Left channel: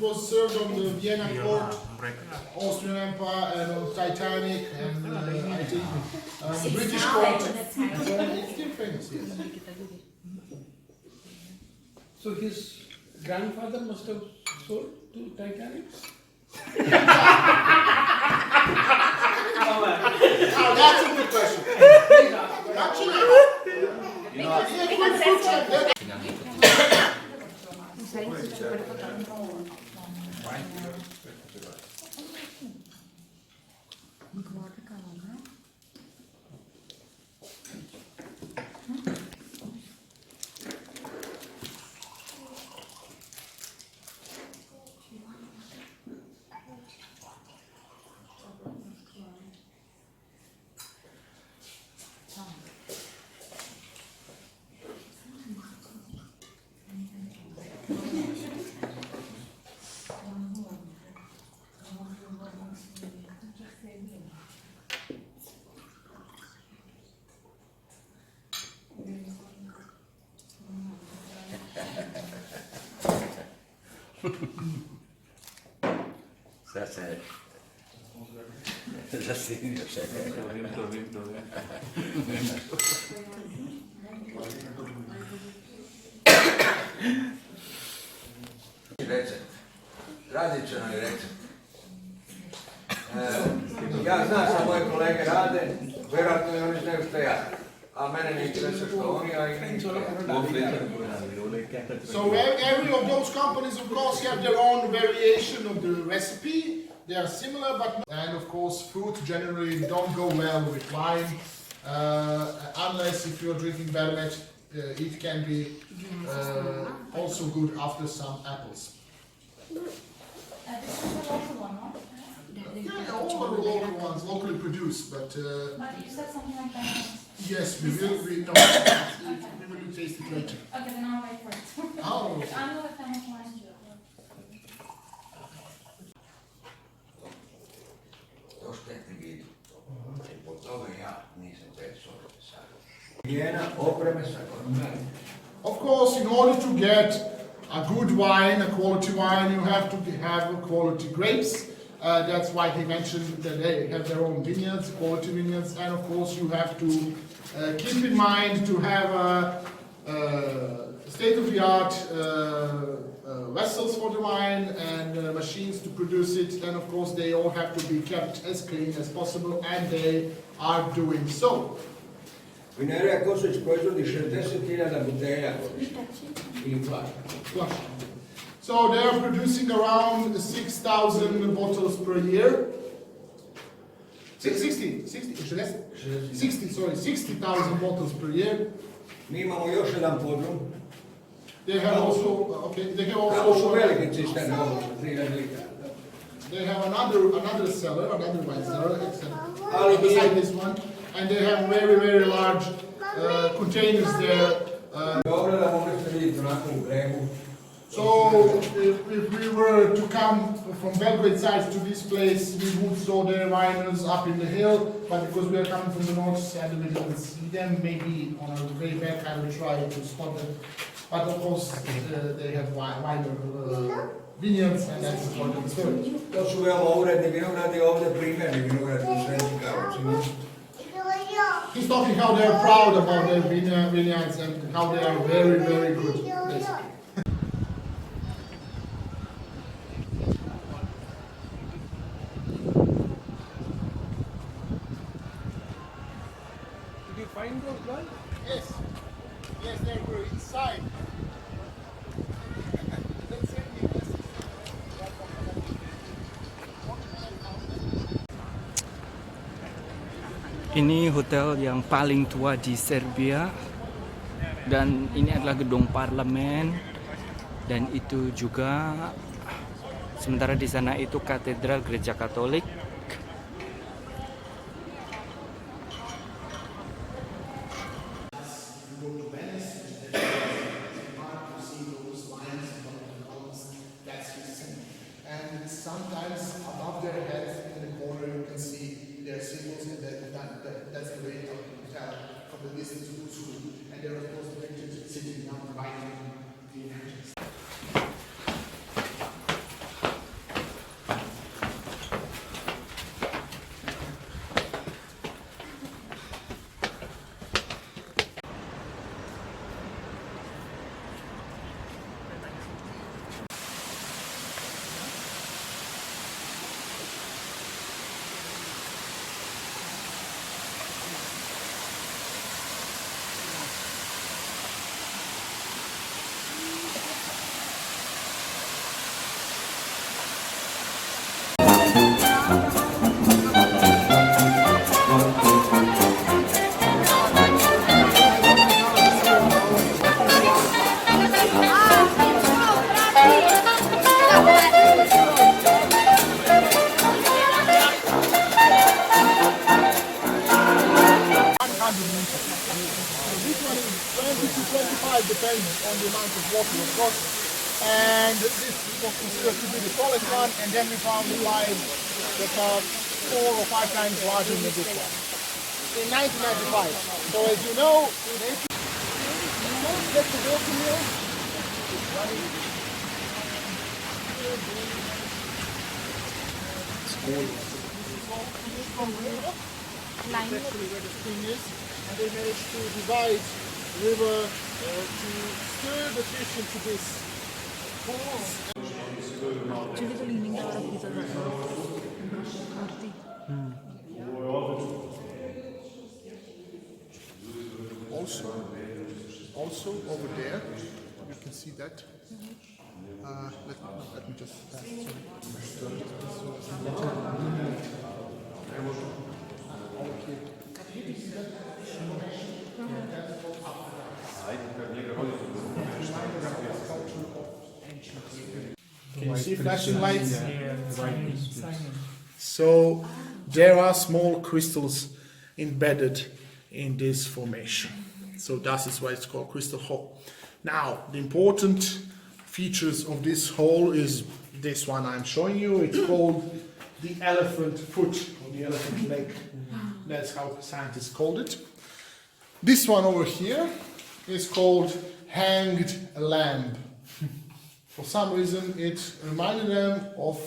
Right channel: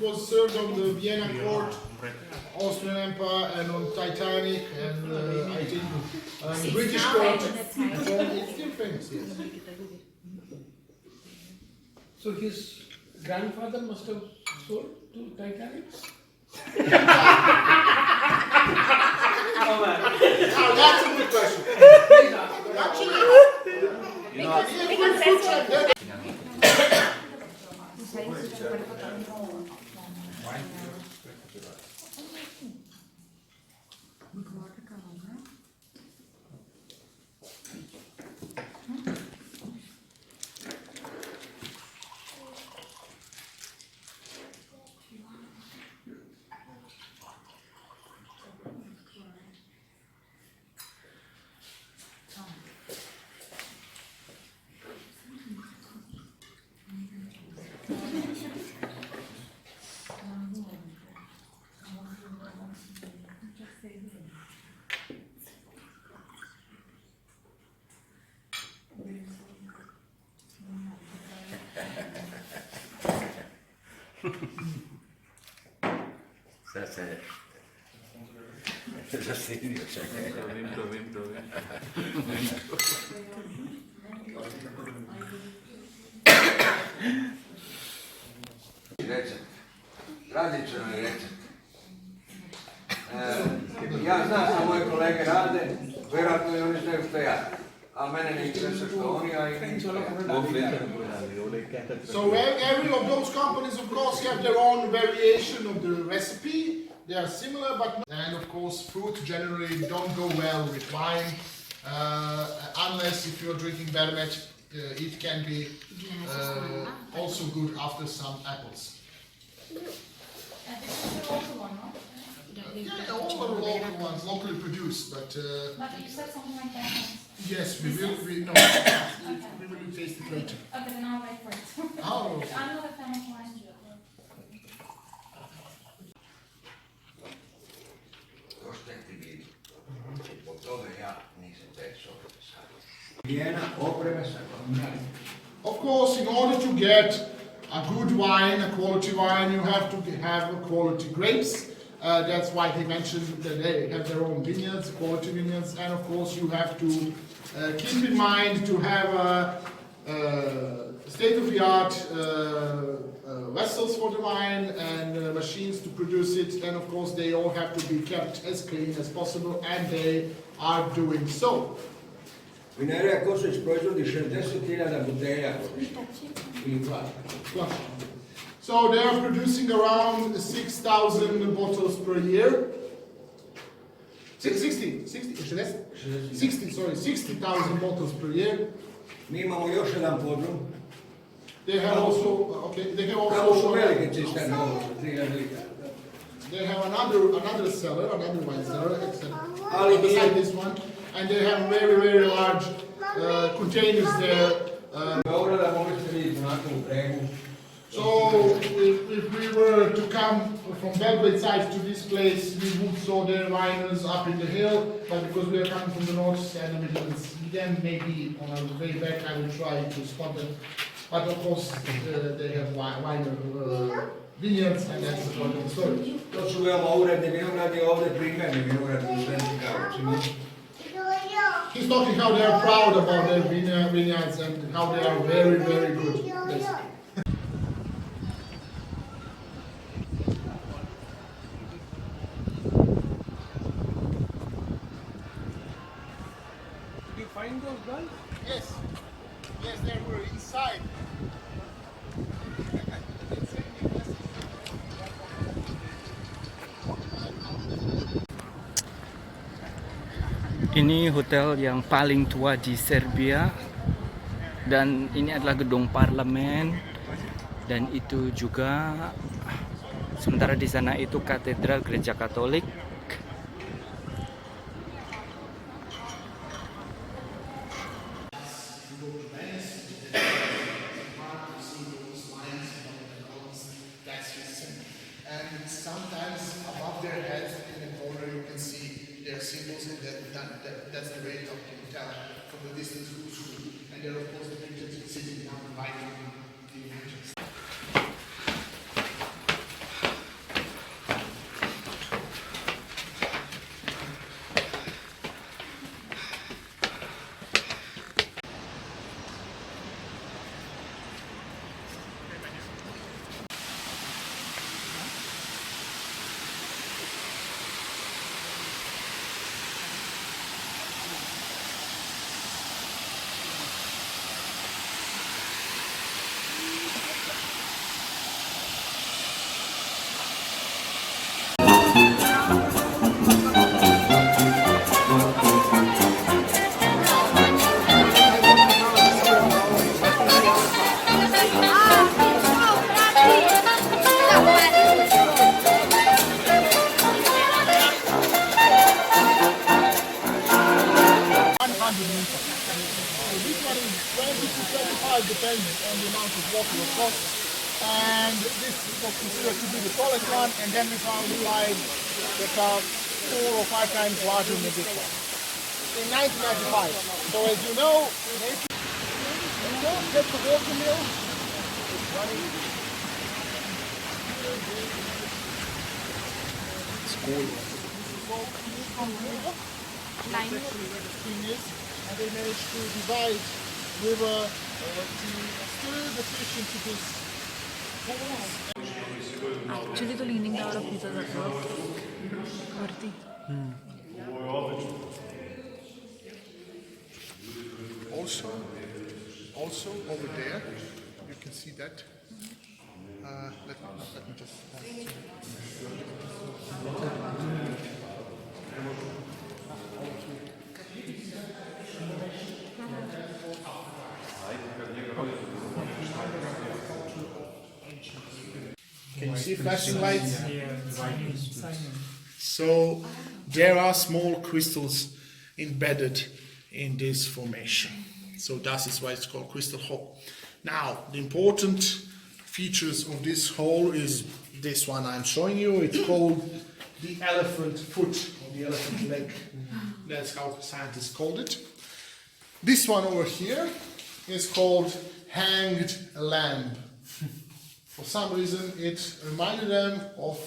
was served on the Vienna court, Austrian Empire, and on Titanic, and I think British court. It's still famous, yes. So his grandfather must have sold to Titanic? Now that's a good question. Actually, Tradicionalni recept. Ja znam šta moji kolege rade, vjerojatno i oni znaju što ja. A mene ne interesuje što oni, a i ne interesuje. So every of those companies, of course, have their own variation of the recipe. They are similar, but and of course, fruit generally don't go well with wine, unless if you're drinking vermouth, it can be also good after some apples. This is the local one, no? Yeah, all are local ones, locally produced, but But you said something like that. yes, we will taste it later. Okay, then I'll wait for it. Oh, okay. I'm not a fan of wine. Jos tehti viini, toga ja nisam te soittaa. Vienna opremessa on. Of course, in order to get a good wine, a quality wine, you have to have quality grapes. That's why he mentioned that they have their own vineyards, quality vineyards, and of course you have to keep in mind to have state-of-the-art vessels for the wine and machines to produce it, and of course they all have to be kept as clean as possible, and they are doing so. Vinerija Kosović proizvodi 60.000 butelja godišnje. Ili plaća. So they are producing around 6,000 bottles per year. 60,000 bottles per year. Mi imamo još jedan podrum. They have also, Tamo su veliki cisterni od 3.000 litara. they have another cellar, another wine cellar, beside this one, and they have very large containers there. Dobro da mogli ste vidjeti onako u bregu. So if we were to come from Belgrade side to this place, we would saw their vineyards up in the hill, but because we are coming from the north side, we didn't see them. Maybe on our way back, I will try to spot them. But of course, they have vineyards, and that's the story. To su veoma uredni vinogradi, ovdje primjerni vinogradi u Sredi Karlovci. He's talking how they are proud about their vineyards and how they are very good. Basically. Did you find those guys? Yes, they were inside. Ini hotel yang paling tua di Serbia dan ini adalah gedung parlemen dan itu juga sementara di sana itu katedral gereja Katolik. And sometimes above their heads in the corner you can see their symbols, and that's the way you can tell from the distance who's who. And there are of course the pictures sitting down right in the entrance. So this one is 20 to 25 depending on the amount of water of course. And this was considered to be the tallest one, and then we found five that are 4 or 5 times larger than this one. In 1995. So as you know, that's the water mill. It's running. School. And they managed to divide river to stir the fish into this. Actually, the leaning out of each other. Also over there, you can see that. Let me just. Can you see flashing lights? So there are small crystals embedded in this formation. So that is why it's called crystal hole. Now, the important features of this hole is this one I'm showing you. It's called the elephant foot or the elephant leg. That's how scientists called it. This one over here is called hanged lamb. For some reason, it reminded them of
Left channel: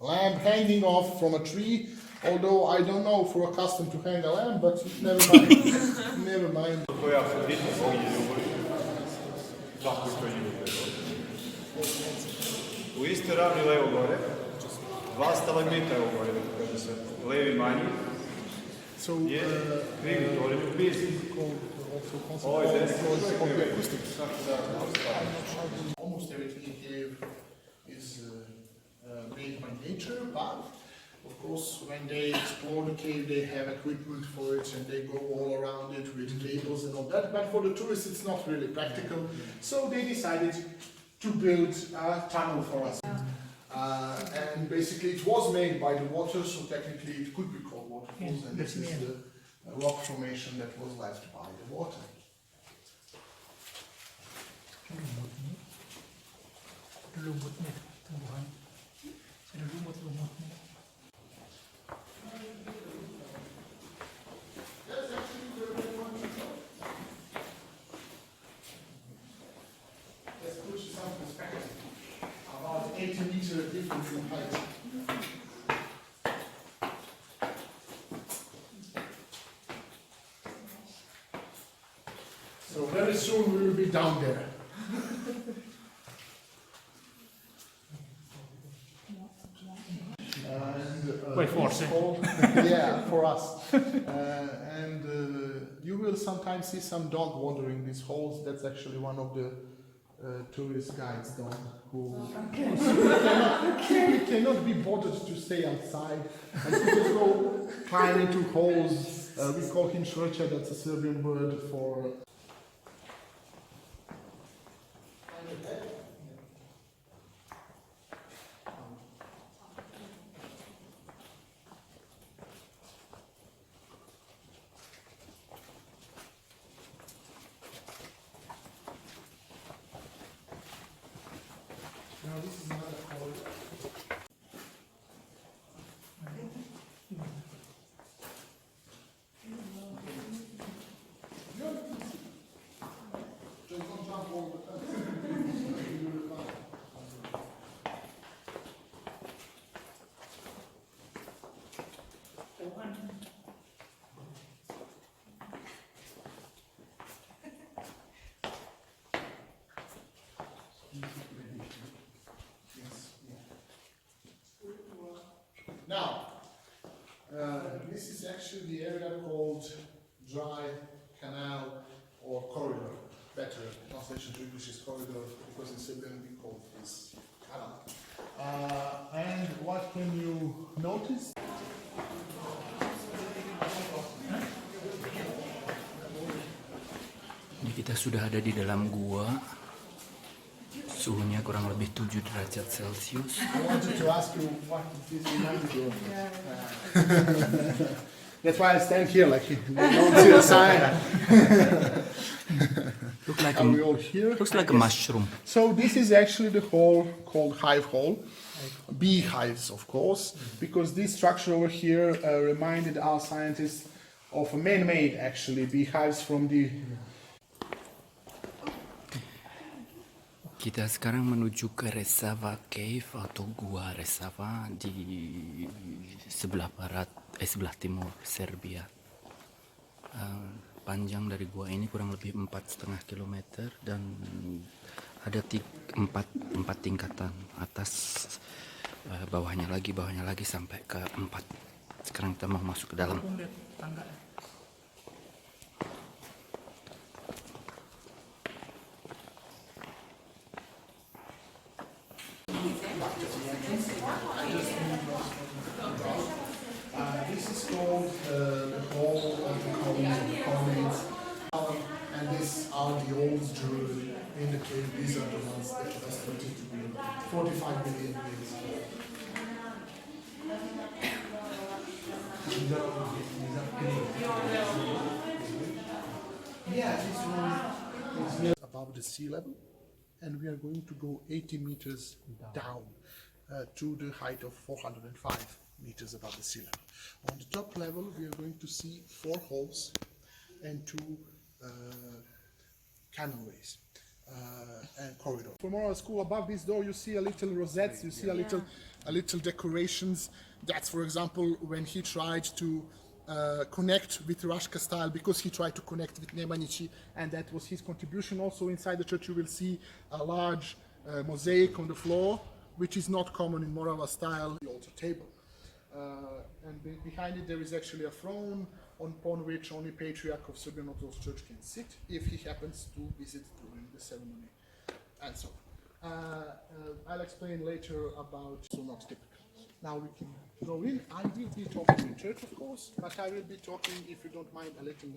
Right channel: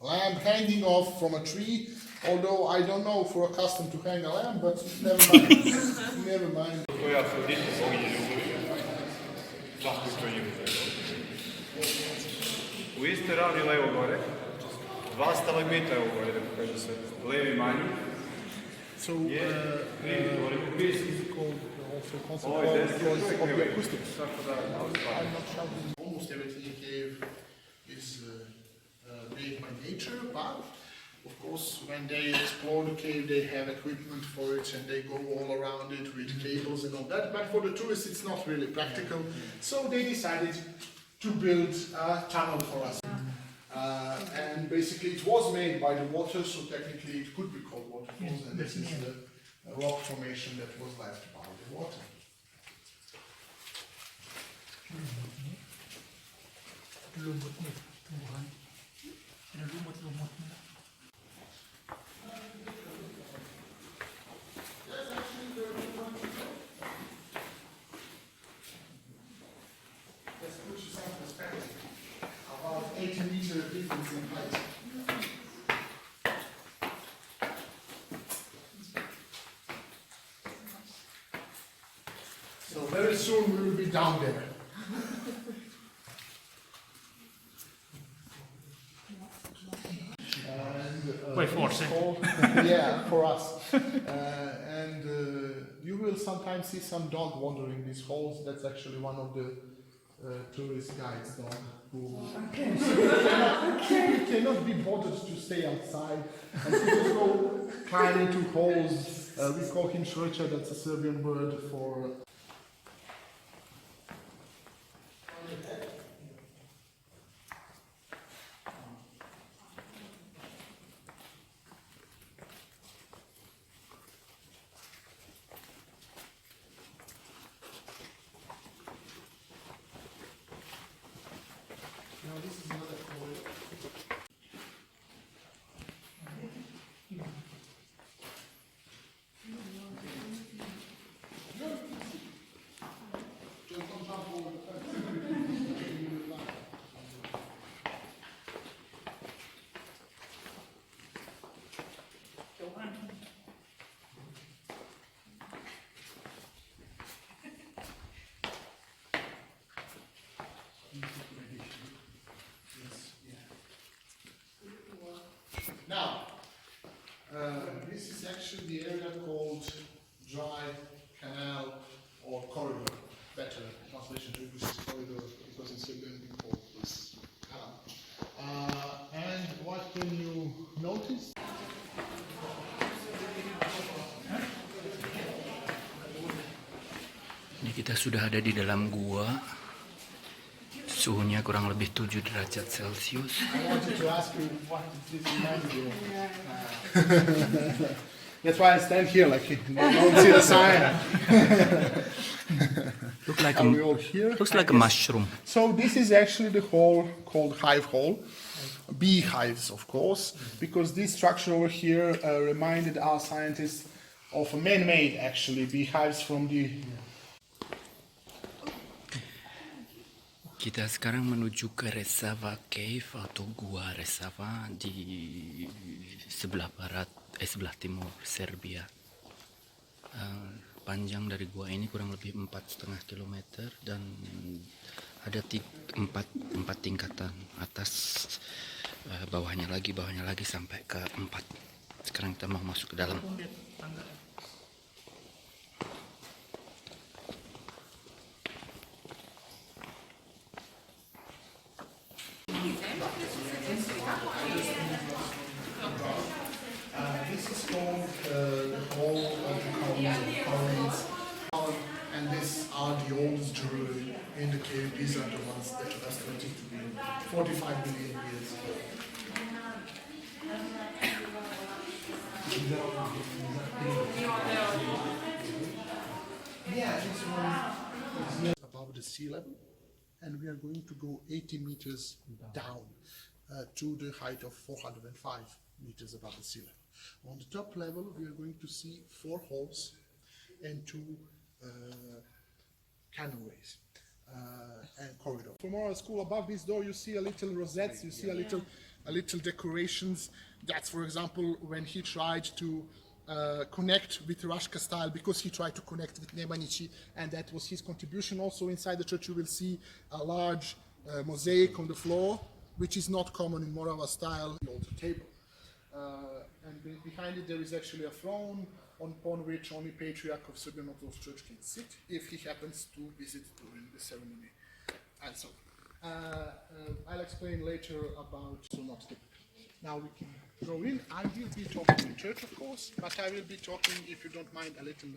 lamb hanging off from a tree. Although I don't know if we're accustomed to hang a lamb, but never mind. Never mind. U iste ravni levo gore, 2 stalagmita gore, da kaže se, levi manji. So, almost everything in cave is made by nature, but of course, when they explore the cave, they have equipment for it and they go all around it with cables and all that. But for the tourists, it's not really practical. So they decided to build a tunnel for us. And basically, it was made by the water, so technically it could be called waterfalls. And this is the rock formation that was left by the water. Lumut-lumut tumbuhan. Lumut-lumut nila. Let's put you some perspective. About 80-meter difference in height. So very soon we will be down there. By force, yeah, for us. And you will sometimes see some dog wandering these holes. That's actually one of the tourist guides' dog who cannot be bothered to stay outside. And so they go climb into holes. We call him Šrča, that's a Serbian word for... Now this is another hole. Just don't jump over the fence. Now, this is actually the area called dry canal or corridor. Better translation to English is corridor because in Serbian we call this canal. And what can you notice? Ini kita sudah ada di dalam gua. Suhunya kurang lebih 7 derajat Celcius. I wanted to ask you what did it remind you of? That's why I stand here, like you don't see the sign. Looks like Are we all here? looks like a mushroom. So this is actually the hall called hive hall. Beehives, of course, because this structure over here reminded our scientists of a man-made, actually, beehives from the... Kita sekarang menuju ke Resava Cave atau Gua Resava di sebelah barat, sebelah timur Serbia. Panjang dari gua ini kurang lebih 4,5 kilometer dan ada empat tingkatan, atas, bawahnya lagi sampai ke 4. Sekarang kita mau masuk ke dalam. This is called the Hall of the Colonies, and these are the oldest jewelry in the cave. These are the ones that are estimated to be 45 billion years old. Yeah, this one is above the sea level, and we are going to go 80 meters down to the height of 405 meters above the sea level. On the top level, we are going to see 4 holes and 2 canopies and corridors. From our school, above this door, you see a little rosettes. You see a little decorations. That's, for example, when he tried to connect with Rashka style, because he tried to connect with Nemanici, and that was his contribution. Also inside the church you will see a large mosaic on the floor, which is not common in Morava style, the altar table. And behind it there is actually a throne upon which only Patriarch of Serbian Orthodox Church can sit if he happens to visit during the ceremony. And so, I'll explain later about, so not typical. Now we can go in. I will be talking in church, of course, but I will be talking, if you don't mind, a little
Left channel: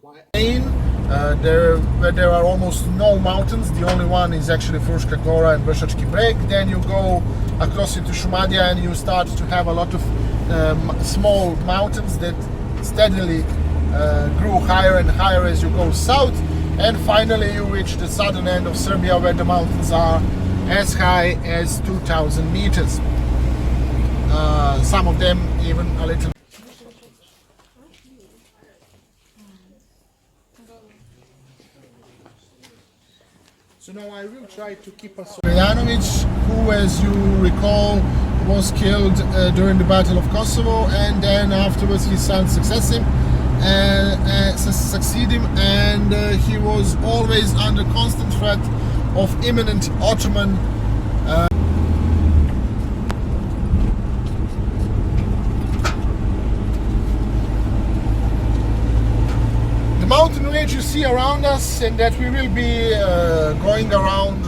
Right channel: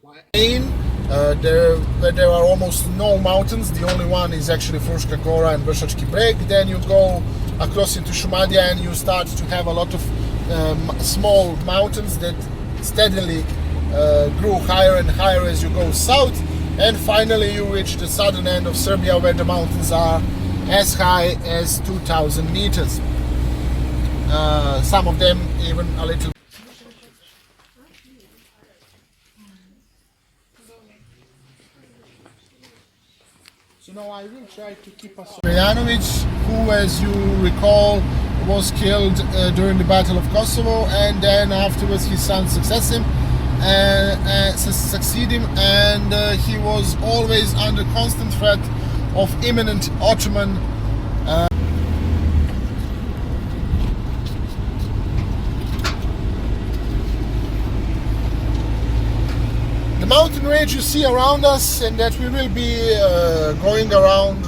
quiet. Where there are almost no mountains. The only one is actually Fruška Gora and Vršački Breg. Then you go across into Šumadija and you start to have a lot of small mountains that steadily grew higher and higher as you go south. And finally you reach the southern end of Serbia, where the mountains are as high as 2,000 meters. Some of them even a little. So now I will try to keep us. Stojanovic, who, as you recall, was killed during the Battle of Kosovo, and then afterwards his son succeed him, and he was always under constant threat of imminent Ottoman. The mountain range you see around us, and that we will be going around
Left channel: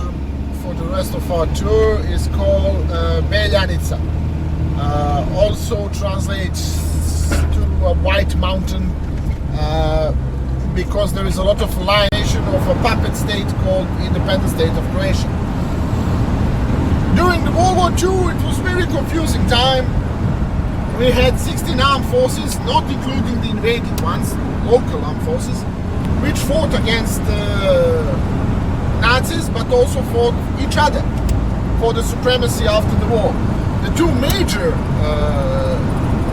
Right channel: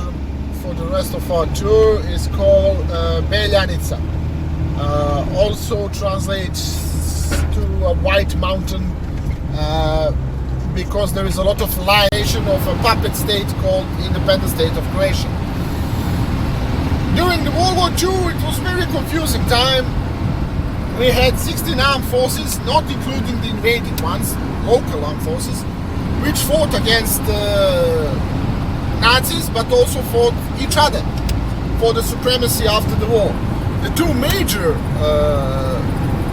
for the rest of our tour, is called Beljanica. Also translates to a white mountain, because there is a lot of liation of a puppet state called Independent State of Croatia. During the World War II, it was very confusing time. We had 16 armed forces, not including the invading ones, local armed forces, which fought against Nazis, but also fought each other for the supremacy after the war. The two major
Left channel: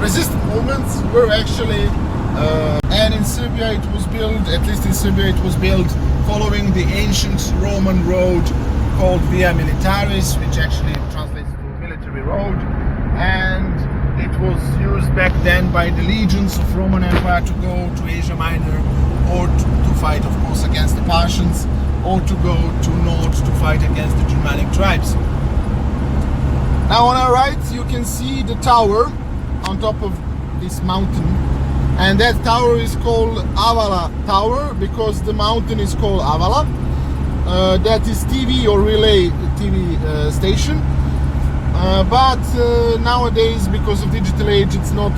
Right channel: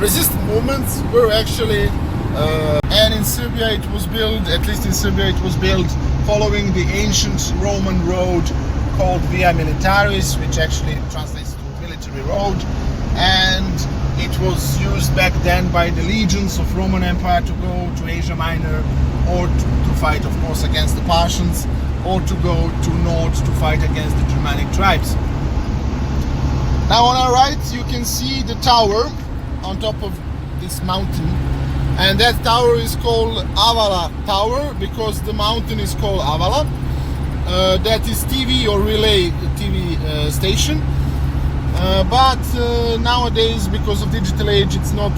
resistance movements were actually, and in Serbia it was built, at least in Serbia it was built following the ancient Roman road called Via Militaris, which actually translates to military road, and it was used back then by the legions of Roman Empire to go to Asia Minor, or to fight, of course, against the Parthians, or to go to north to fight against the Germanic tribes. Now on our right you can see the tower on top of this mountain, and that tower is called Avala Tower because the mountain is called Avala. That is TV or relay TV station. But nowadays, because of digital age, it's not.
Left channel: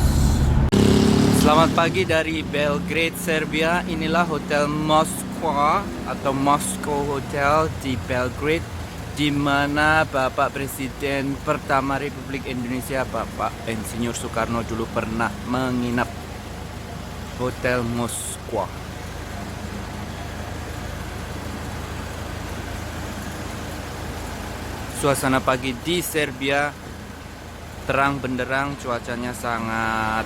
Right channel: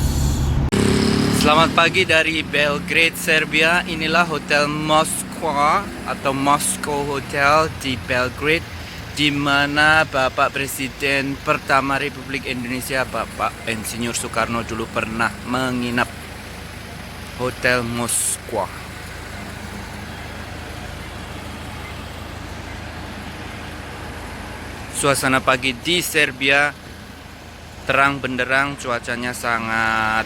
Selamat pagi dari Belgrade, Serbia. Inilah Hotel Moskwa atau Moscow Hotel di Belgrade. di mana Bapak Presiden pertama Republik Indonesia Bapak Insinyur Soekarno dulu pernah menginap Hotel Moskwa. Suasana pagi di Serbia terang benderang, cuacanya sangat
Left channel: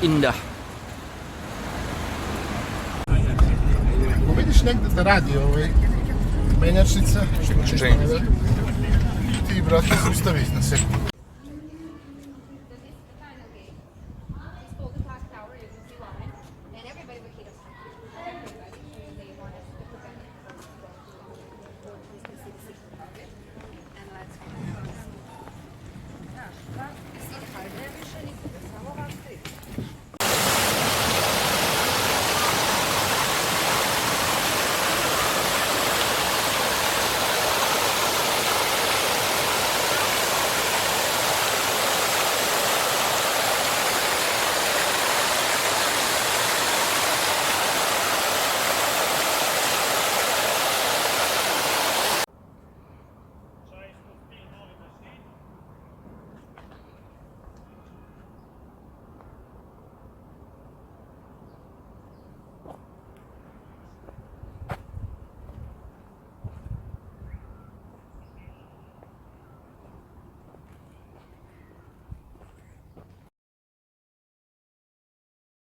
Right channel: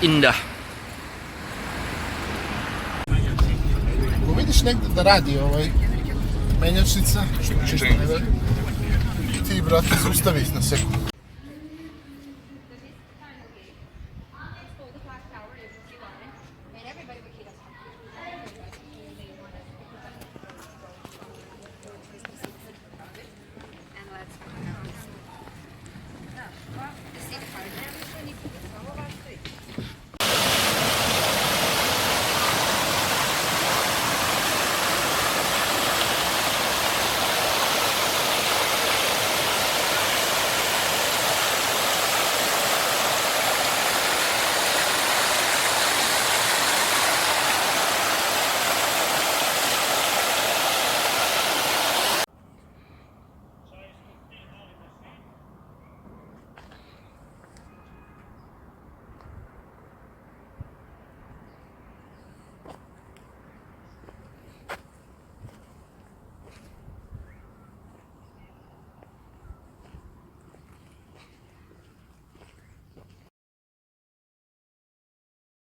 indah. Vidiš negdje da radi menjačnica? Ti, brate, zaustavi na sekundu.